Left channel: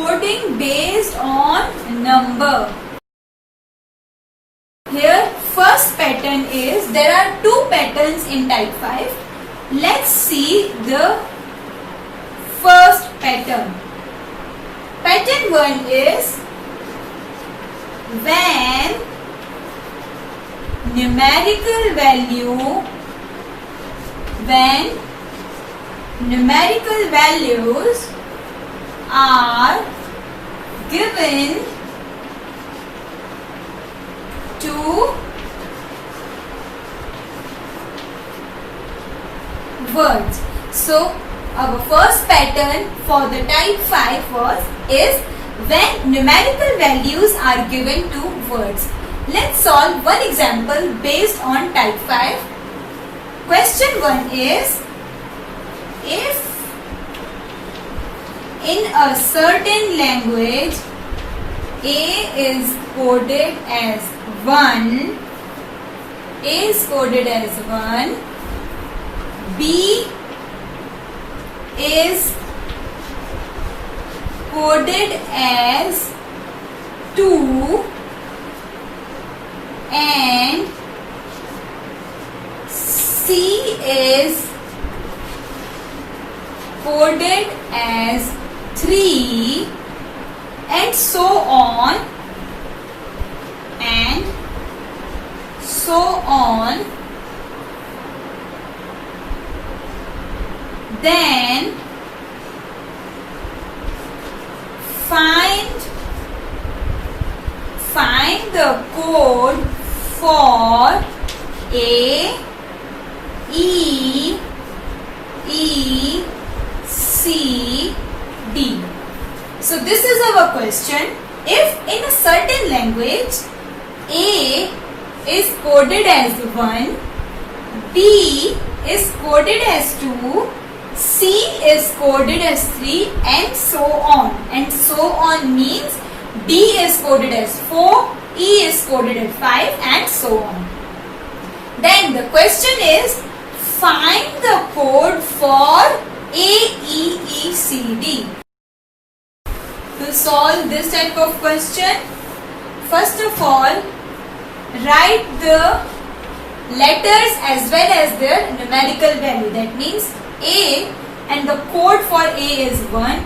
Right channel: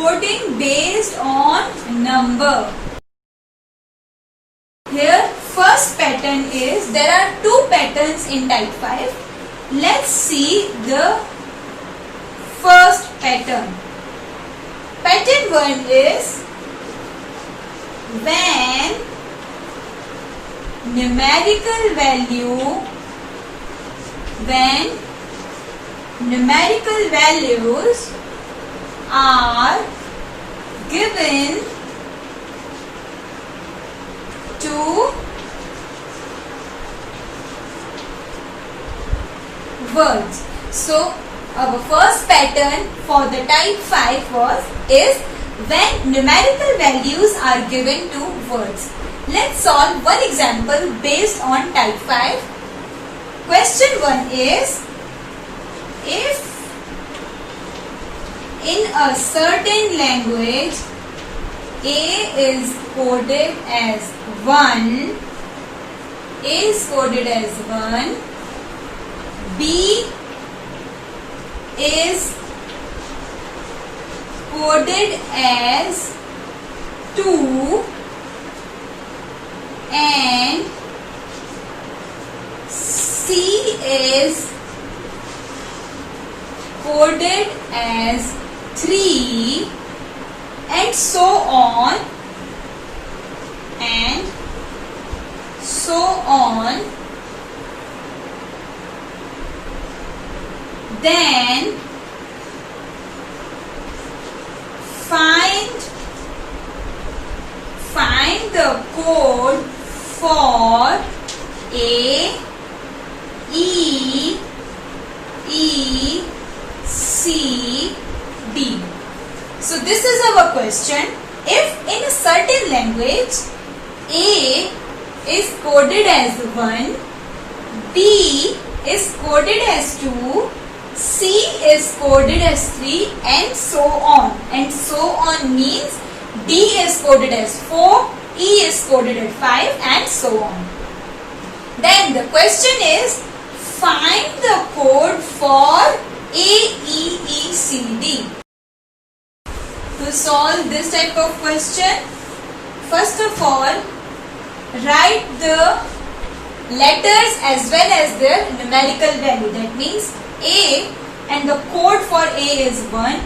coding based on number. Here first pattern is, there are two patterns in type 5. Let's see the first pattern. Pattern 1 is when numerical values are given to words. So our first pattern for the type 5 is when numerical values are given to words. Let's solve one example based on type 5. Question 1 is, if in a certain language A is coded as 1, B is coded as 2, and C is coded as 3, and so on then find the code for A, E, C, D. So this is our question. If in a certain language A is coded as 1, B is coded as 2, C is coded as 3, and so on. And so on means D is coded as 4, E is coded as 5, and so on. Then the question is, find the code for A, E, C, D. To solve this type of question, first of all, write the letters as well as their numerical value. That means A, and the code for A is 1.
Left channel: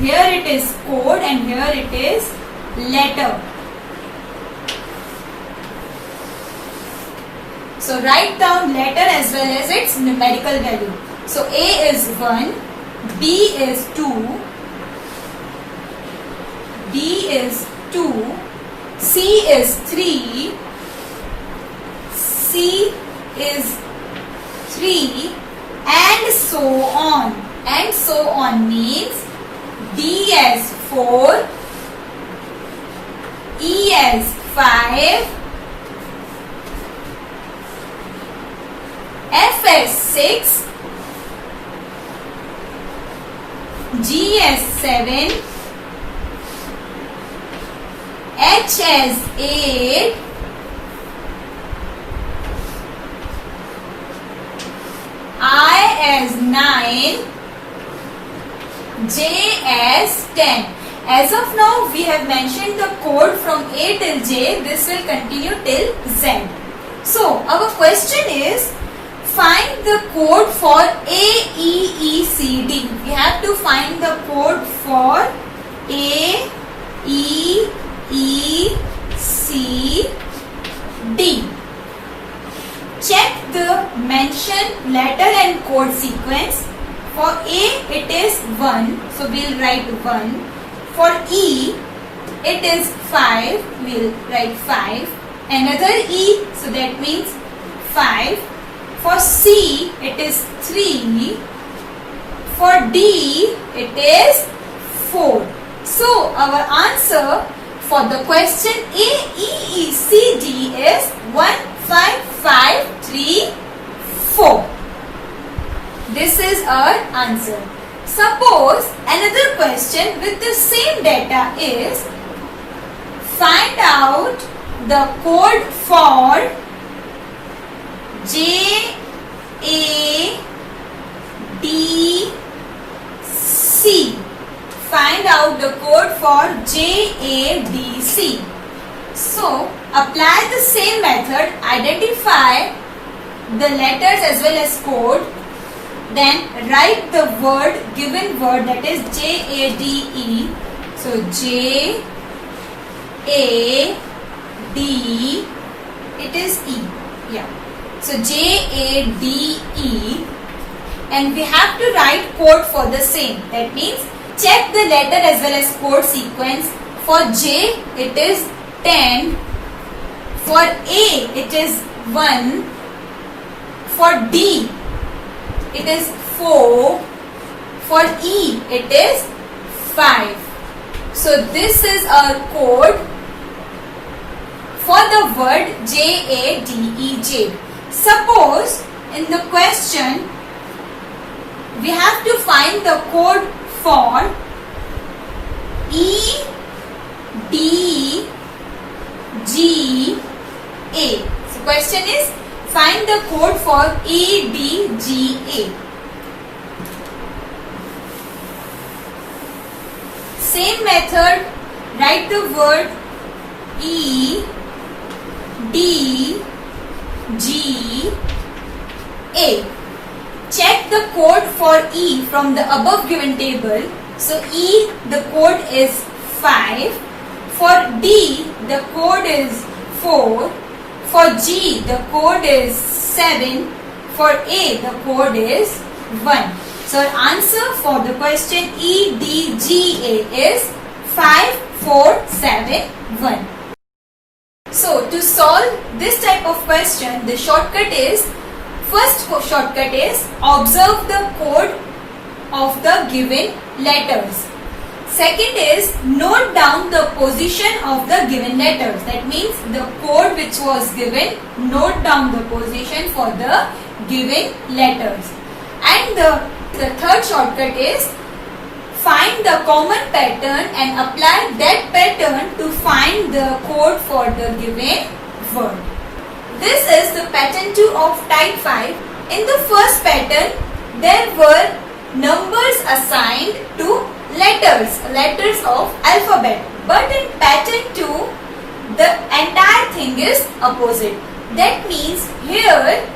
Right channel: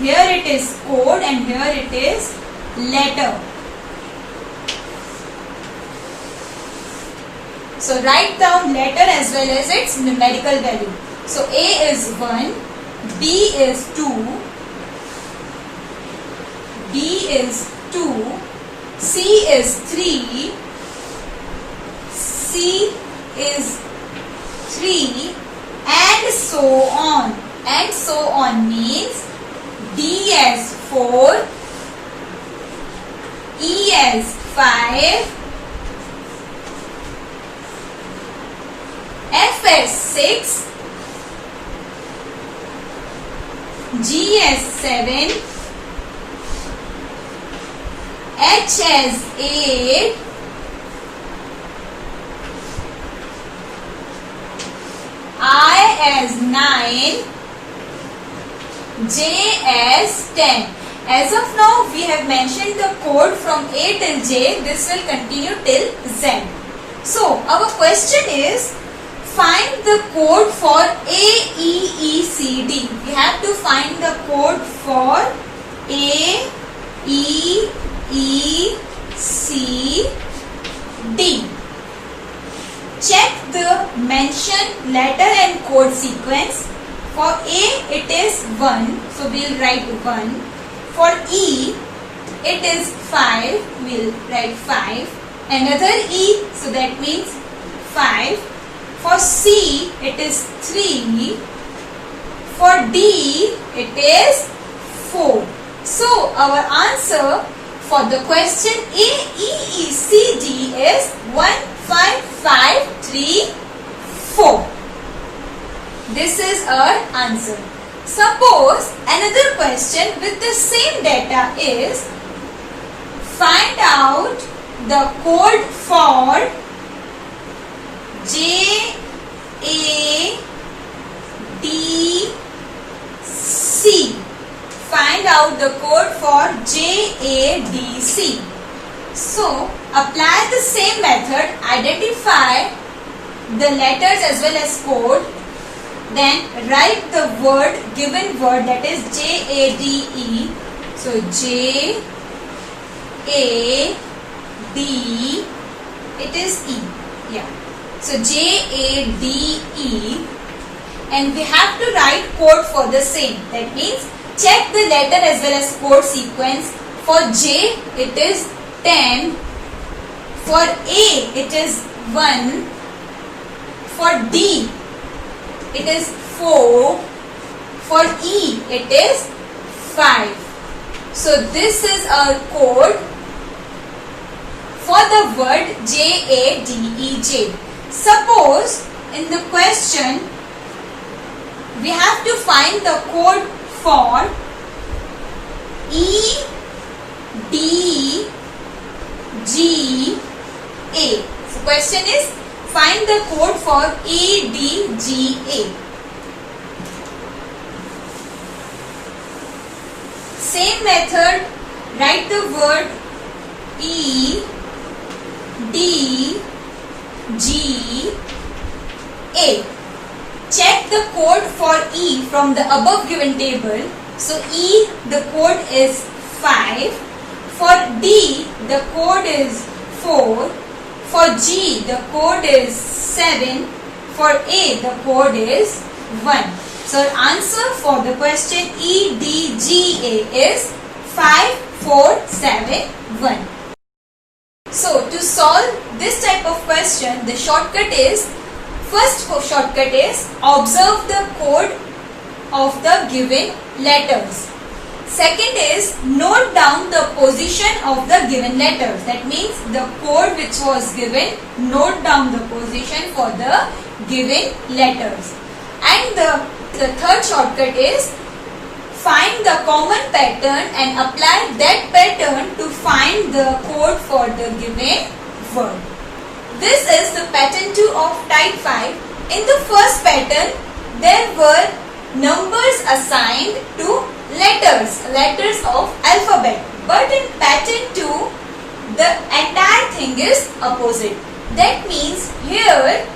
Here it is code and here it is letter. So write down letter as well as its numerical value. So A is 1, B is 2, D is 2, C is 3, C is 3, and so on. And so on means D as 4, E as 5, F as 6, G as 7, H as 8, I as 9, J as 10. As of now, we have mentioned the code from A till J. This will continue till Z. So, our question is, find the code for A, E, C, D. We have to find the code for A, E, C, D. Check the mentioned letter and code sequence. For A, it is 1. So, we will write 1. For E, it is 5. We will write 5. Another E, so that means 5. For C, it is 3. For D, it is 4. So, our answer for the question A, E, C, D is 1, 5, 5, 3, 4. This is our answer. Suppose another question with the same data is, find out the code for J, A, D, C. find out the code for JADC. So apply the same method, identify the letters as well as code, then write the given word, that is JADE. So JAD, it is E. Yeah. So JADE, and we have to write code for the same. That means check the letter as well as code sequence. For J it is 10, for A it is 1, for D it is 4, for E it is 5. So this is our code for the word JADE. Suppose in the question we have to find the code for EDGA. So question is, find the code for EDGA. Same method, write the word EDGA. Check the code for E from the above given table. So E, the code is 5. For D, the code is 4. For G, the code is 7. For A, the code is 1. So our answer for the question EDGA is 5, 4, 7, 1. So to solve this type of question, the shortcut is, first shortcut is observe the code of the given letters. Second is note down the position of the given letters. That means the code which was given, note down the position for the given letters. And the third shortcut is find the common pattern and apply that pattern to find the code for the given word. This is the pattern 2 of type 5. In the first pattern, there were numbers assigned to letters of alphabet. But in pattern 2, the entire thing is opposite. That means here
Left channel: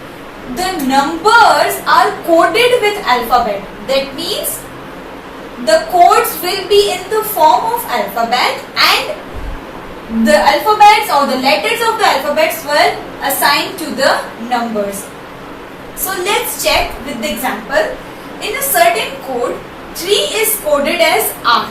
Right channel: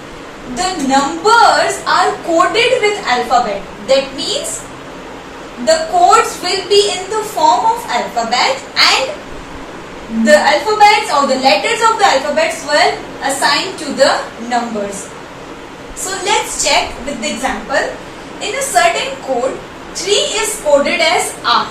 the numbers are coded with alphabet. That means the codes will be in the form of alphabet, and the alphabets or the letters of the alphabets were assigned to the numbers. So let's check with the example. In a certain code, 3 is coded as R.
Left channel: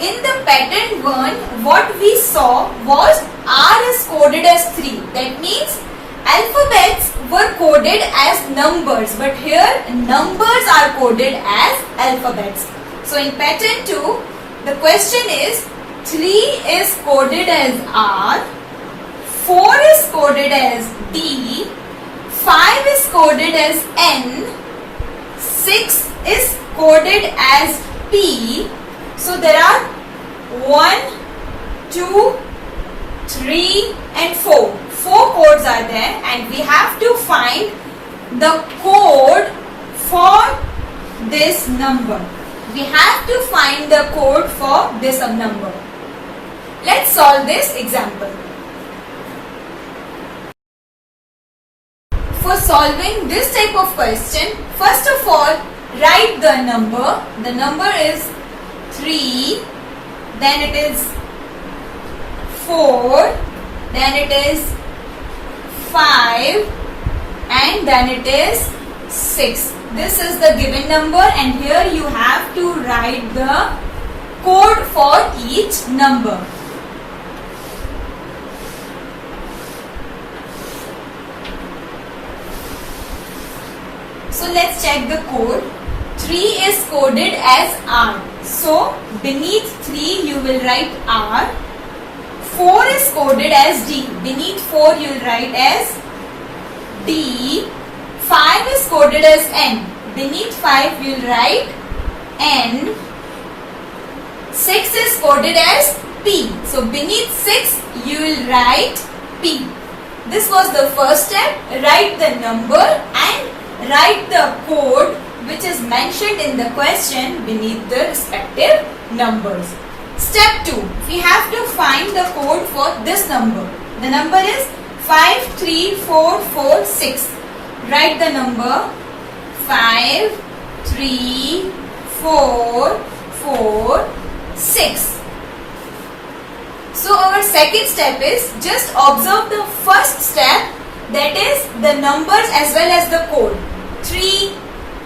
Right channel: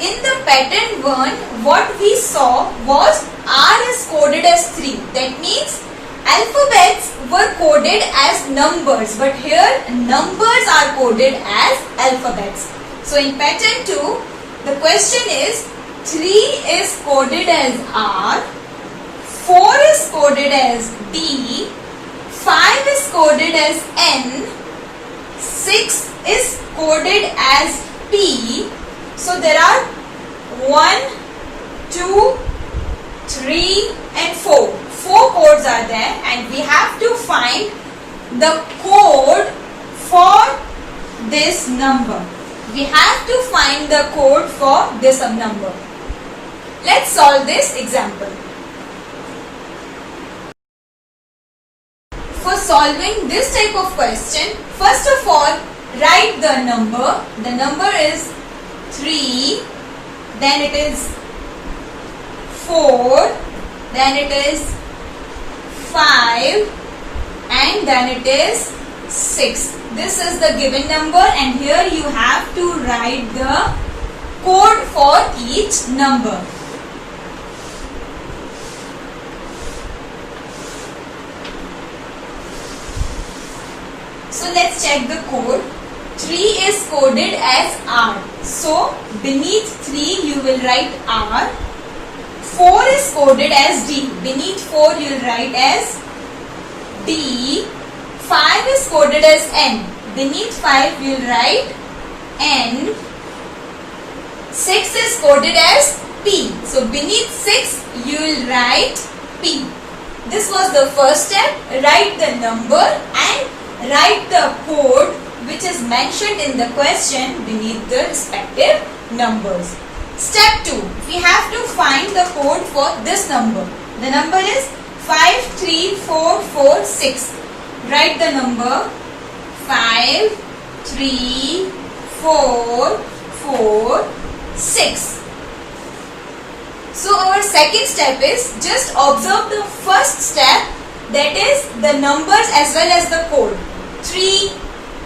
In the pattern 1, what we saw was R is coded as 3. That means alphabets were coded as numbers, but here numbers are coded as alphabets. So in pattern 2, the question is 3 is coded as R, 4 is coded as D, 5 is coded as N, 6 is coded as P. So there are 1, 2, 3 and 4. 4 codes are there, and we have to find the code for this number. We have to find the code for this number. Let's solve this example. For solving this type of question, first of all, write the number. The number is 3, then it is 4, then it is 5, and then it is 6. This is the given number, and here you have to write the code for each number. So let's check the code. 3 is coded as R. So beneath 3 you will write R. 4 is coded as D. Beneath 4 you will write as D. 5 is coded as N. Beneath 5 you will write N. 6 is coded as P. So beneath 6 you will write P. This was the first step. Write the number and write the code which is mentioned in the question beneath the respective numbers. Step 2. We have to find the code for this number. The number is 53446. Write the number 53446. So our second step is just observe the first step, that is the numbers as well as the code. 3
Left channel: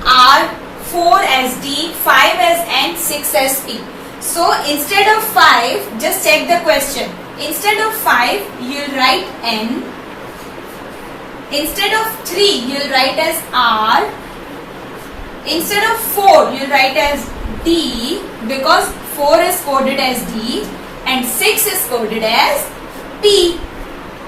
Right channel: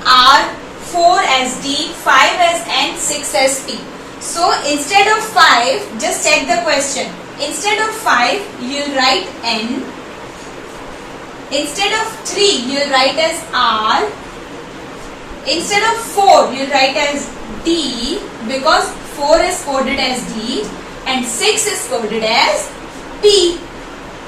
R, 4 as D, 5 as N, 6 as P. So instead of 5, just check the question. Instead of 5, you'll write N. Instead of 3, you'll write as R. Instead of 4, you'll write as D, because 4 is coded as D and 6 is coded as P.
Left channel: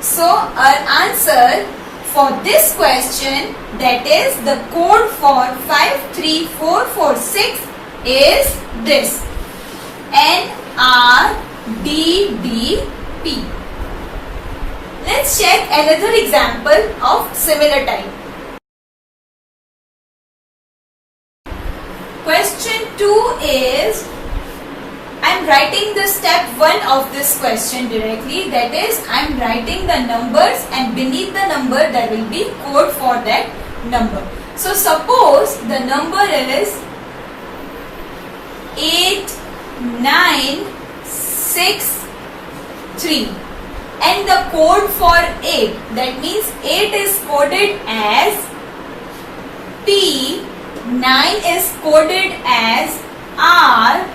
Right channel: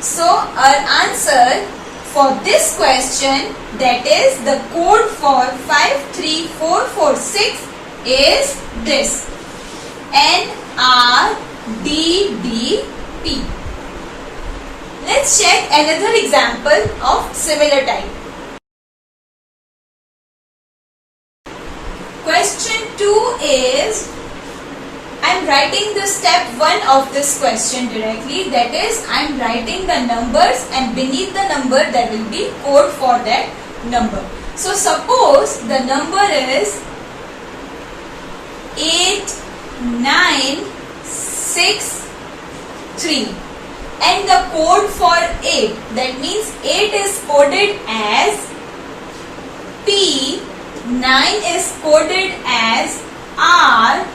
So our answer for this question, that is the code for 53446, is this: NRDDP. Let's check another example of similar type. Question 2 is, I am writing the step 1 of this question directly, that is I am writing the numbers and beneath the number there will be code for that number. So suppose the number is 8963 and the code for 8, that means 8 is coded as P, 9 is coded as R,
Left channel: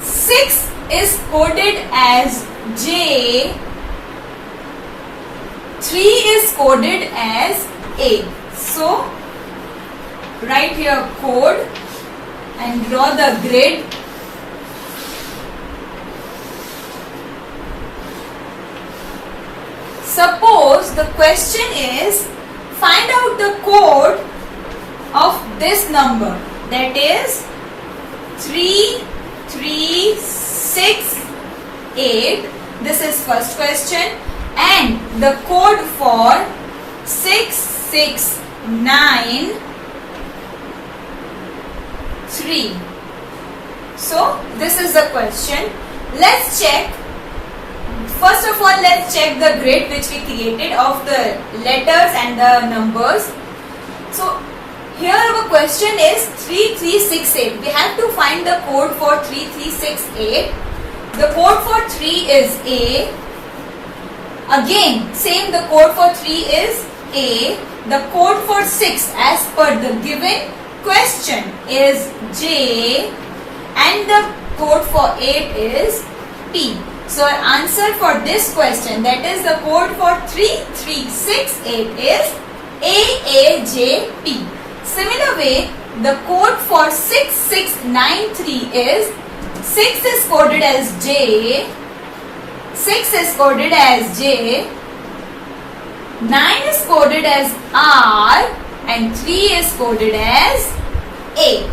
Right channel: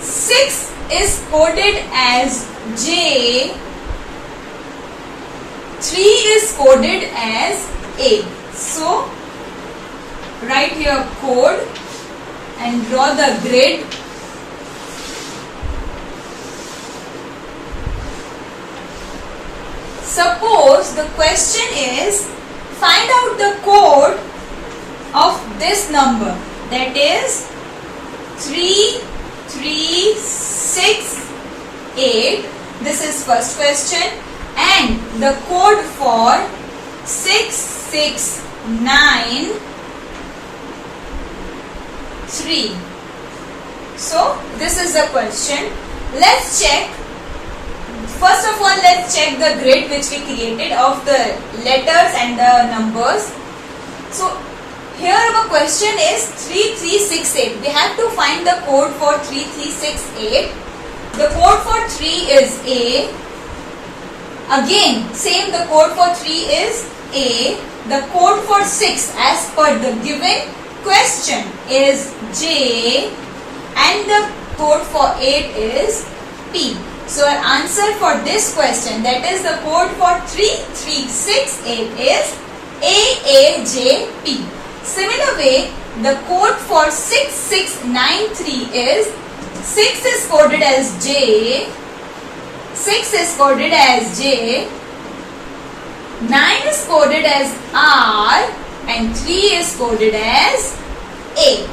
6 is coded as J, 3 is coded as A. So write here code and draw the grid. Suppose the question is, find out the code of this number, that is 3368. This is first question, and the code for 6693. So this is the question. Let's check. First of all, let's check the grid which we created of the letters and the numbers. So here our question is 3368. We have to find the code for 3368. The code for 3 is A. Again, same, the code for 3 is A. The code for 6 as per the given question is J. And the code for 8 is P. So our answer for this question, that is the code for 3368, is AAJP. Similar way, the code for 6693 is 6 is coded as J, 6 is coded as J, 9 is coded as R, and 3 is coded as A.